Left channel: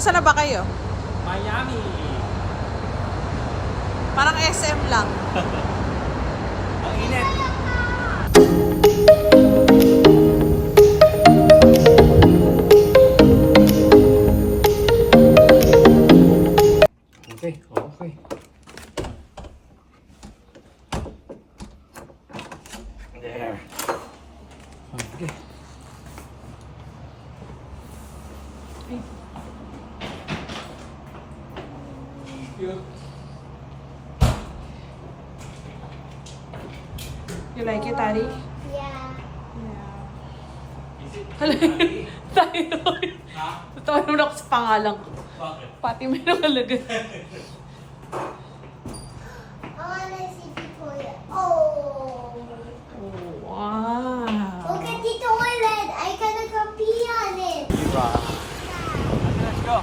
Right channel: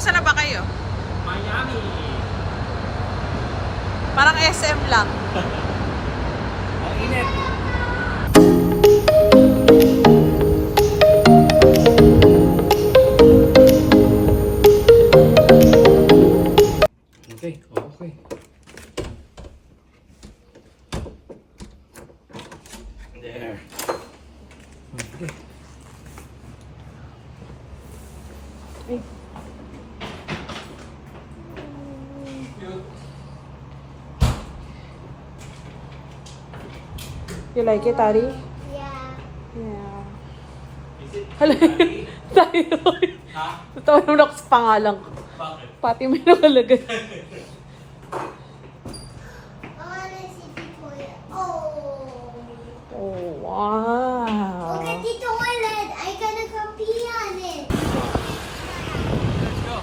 Nasaan na ba kayo? Miami. Parang SM lang. Ang init. Okay, okay. There. Okay. You like it, Ari? Yeah. Is it? Tayo. Ha? Totoo naman ako sa pangalan ko. Bakit? Pati may nakalagay. I wanna see the toilet. Oh. Oh, wow. Look at the toilet. I gonna go pee on it. Let's go.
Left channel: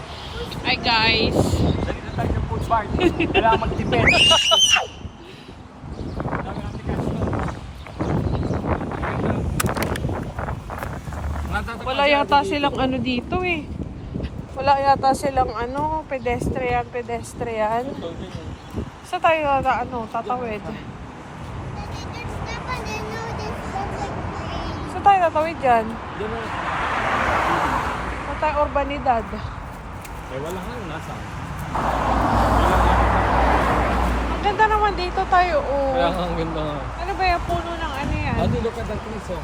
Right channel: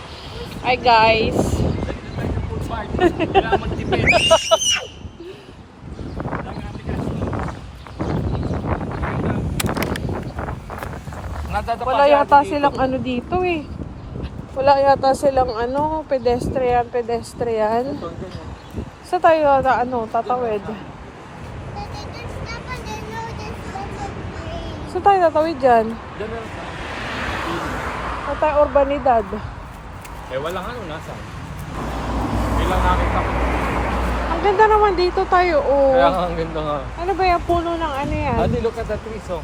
Hi, guys. Dali na tayo sa food mart. Kailangan mag-depend. Wala yata silang ano dito eh. Wala yata silang ano, pedestrian. Sa tayo na ano, tatawid. Look at this stuff and I know this doesn't rain. Sa tayo tatawid dyan. Sa tayo urbanidad. Eh, walang ano, nasaan? Ang ganda naman dito tayo, Kaya oh. ang ganda nga. Ano ba yung puno ng ano yan? Ano, look at that trees, oh.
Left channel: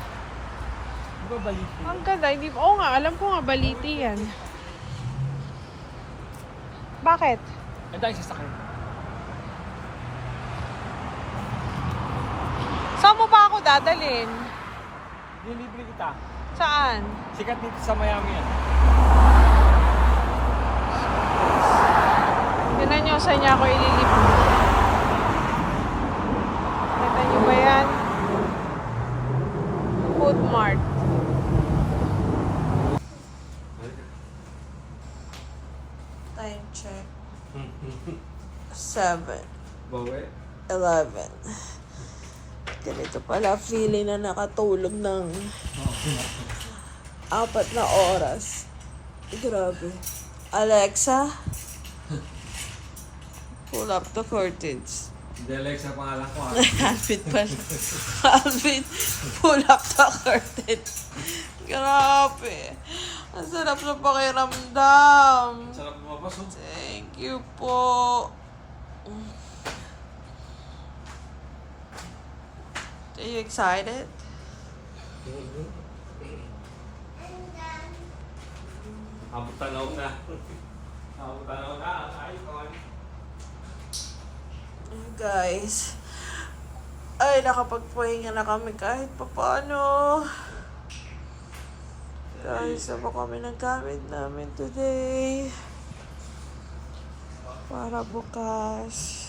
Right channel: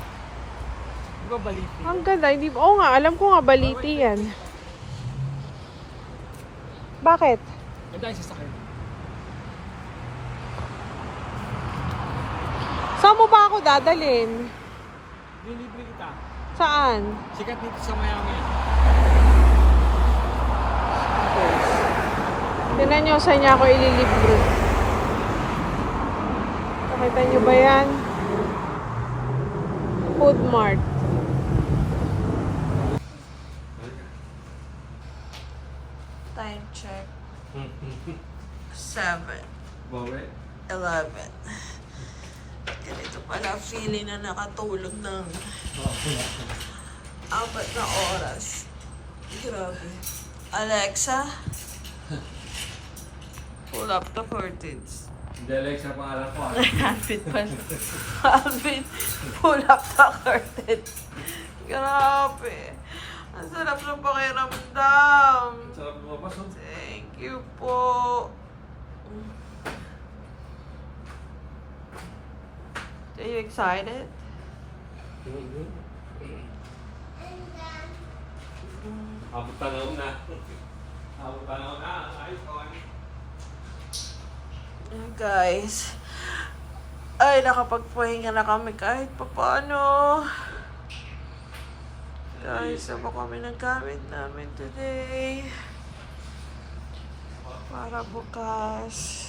Di ba baliti? Ang ganda, hindi, oo nga, alam ko nga baliti yan. Bakit? Ang tayo sasakyan. Saan mo ba ako dadalhin? Nilibre kita. Saan? Sikat dito sa Miami yan. Tignan nyo saan niya ako ililibro. Kita nyo ba yan? Food Mart. Time check. 7, Bawi. 11. Ganito pala feeling na nakatulog ng 4 na oras. Grabe. Alexa, pull up the curtains. Hindi, Alexa, pangalan ko, ah. Alvin pala. Alvin, pull up the curtains. Grabe. Ang sarap ng pakiramdam. Sarap lumabas, oh. Thank you po. Are you excited? Abot tanaw na. Abot tanaw na. Ayos ko. Guys, ay nakapagpahinga na kami kahit papaano. Guys, ano kami ng gamit namin today para bukas.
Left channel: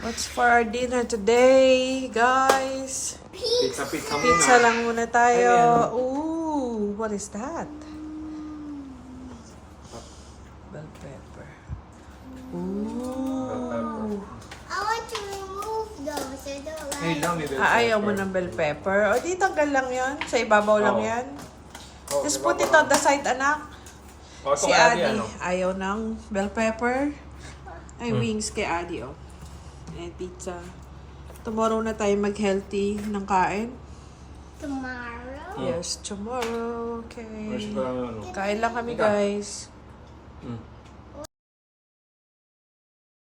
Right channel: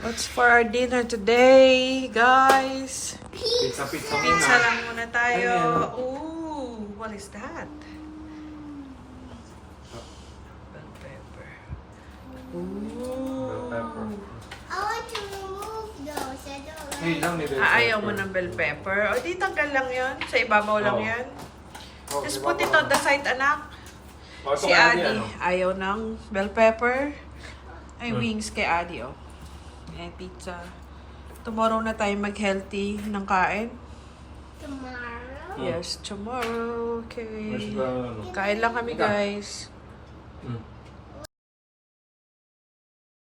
What's for our dinner today, guys? Pizza muna. Pizza lang muna tayo. Ay, ano? Ooh, what is that? Bell pepper. Ooh. I want to remove those. I don't like. Hey, lang ni Bell Ayaw mo pepper. ng bell pepper? O, di tanggal lang yan. Sa ibabaw lang Oo. yan. Oh, Just di put ba, it on the side, anak. Oh, ito Si kay Adi, Adi, ano? ayaw ng bell pepper. Ay, wings kay Adi, oh. And pizza. Tomorrow na tayo mag-healthy ng kain. Tomorrow. Yes, tomorrow. Where's Okay. the, ano? Kain lang kami, guys. Mm.